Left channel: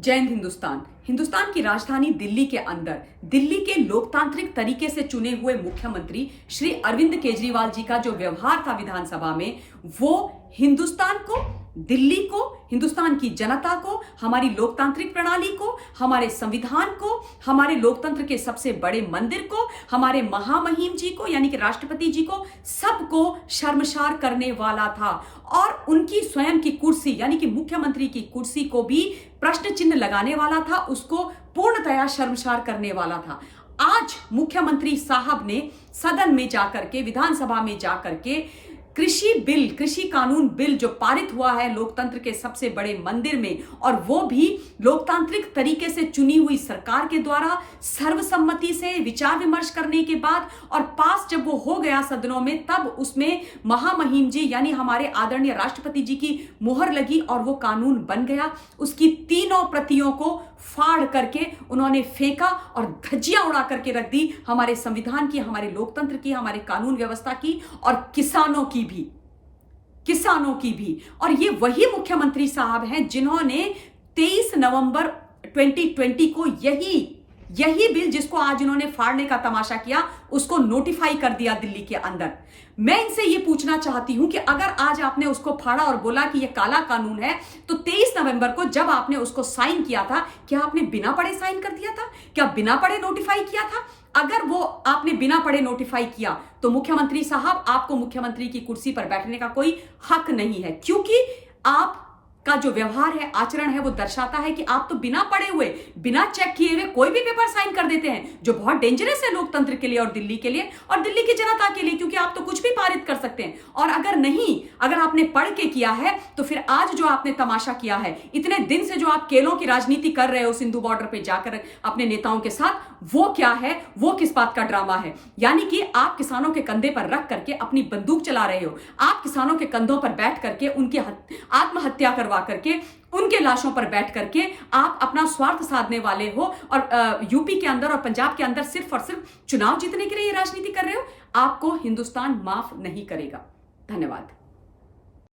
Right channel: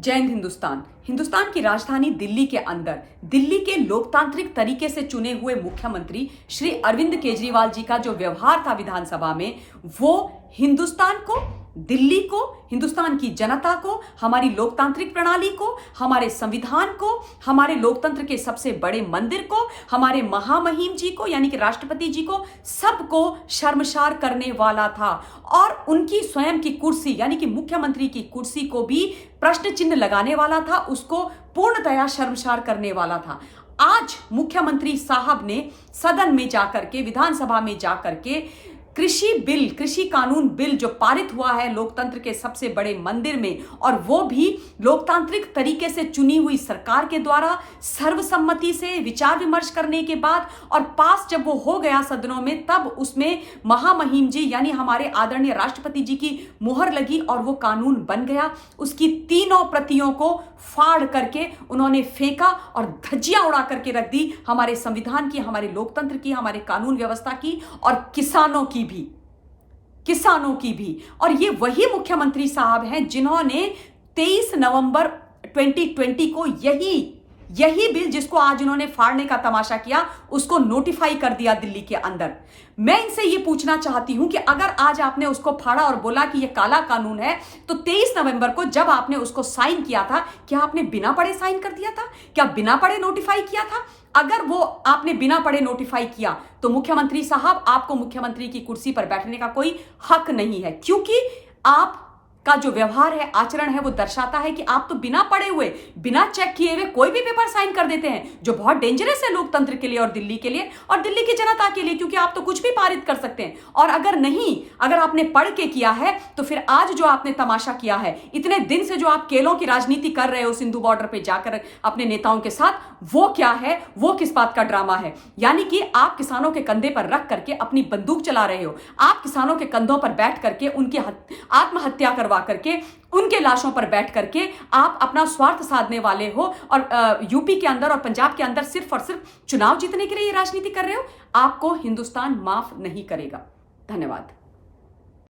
जय हिंद। हिंदुस्तान की राजधानी दिल्ली के अंदर दिल्ली के लोकतांत्रिक तरीके से चुने हुए मुख्यमंत्री श्री अरविंद केजरीवाल जी का जो व्यवहार था विधानसभा में, वो हिंदुस्तान को, दिल्ली को, हिंदुस्तान की जनता को, हमारी लोकतांत्रिक प्रणाली को, हमारे संविधान को, हमारे लोकतंत्र के सबसे बड़े मंदिर को, हमारे महामहिम जी को यानी कि राष्ट्रपति जी को, सबको शर्मसार करने वाला था। और उनकी स्वयं की कुर्सी यानी कि मुख्यमंत्री की कुर्सी को भी प्रश्न चिन्ह लगाने वाला था, उसको पूर्णतया शर्मसार करने वाला था। आज मुख्यमंत्री साहब ने सदन में जाकर के, विधानसभा में जाकर के कृषि कानून बिल जो पारित हुआ है लोकतंत्र के सबसे बड़े मंदिर में, और वो भी लोकतांत्रिक तरीके से चुनी हुई सरकार के द्वारा सर्वसम्मति से विचार विमर्श करने के बाद, और पास जब वो हो गया सदनों में, तब उसमें महामहिम जी यानी हमारे आदरणीय राष्ट्रपति जी की मुहर लगी और वो कानून बन गया। उसकी तीनों प्रतियों को फाड़ करके उन्होंने फेंका और धज्जियां उड़ा करके रख दी हमारे संविधान की, हमारे लोकतंत्र की, हमारे कानून व्यवस्था की और किसानों की भी। और ये वही मुख्यमंत्री साहब हैं जिन्होंने 23 नवंबर 2020 को यही बिल जिसको आज उन्होंने फाड़ने का तमाशा किया, उसको नोटिफाई कर दिया दिल्ली के अंदर। मैं इनसे ये पूछना चाहती हूं कि अगर आज आपने उसको फाड़ा और बोला कि ये काला कानून है, तो 23 नवंबर को जब आपने उसको साइन किया था, क्या आपने बिना पढ़े साइन कर दिया था? क्या बिना पढ़े नोटिफाई किया था? अगर वो आपने बिना पढ़े नोटिफाई किया, तो मुख्यमंत्री साहब, आपको मुख्यमंत्री की कुर्सी पर बैठने का कोई हक नहीं है, क्योंकि आप का जो व्यवहार है, आचरण है, वो दर्शाता है कि आप तो बिना पढ़े हुए, बिना चेक किए हुए कोई भी पेपर साइन कर देते हैं, जो बहुत डेंजरस है लोकतंत्र के लिए और दिल्ली के लिए और दिल्ली की जनता के लिए, क्योंकि आप तो कुछ भी पारित कर सकते हैं। और अगर आपने पढ़ के किया है, तो फिर आज जो आपने तमाशा किया है, इतने दिन से जो आप केलों की राजनीति कर रहे हो सिंधु बॉर्डर पे जाकर अपने नेताओं के साथ, वो क्या है? वो किस बात का ड्रामा है? यानी कि आप किसानों के कंधे पर रख करके अपनी बंदूक चला रहे हो, आप किसानों के कंधों पर बैठ करके उनकी आत्महत्या करवा करके, उनके लाशों पर बैठ करके आप अपना स्वार्थ साधने वाले हो, और यूपी के अंदर और पंजाब के अंदर सिर्फ और सिर्फ चुनाव जीतने के लिए ये राजनीति कर रहे हो। आपको हिंदुस्तान माफ नहीं करेगा। धन्यवाद।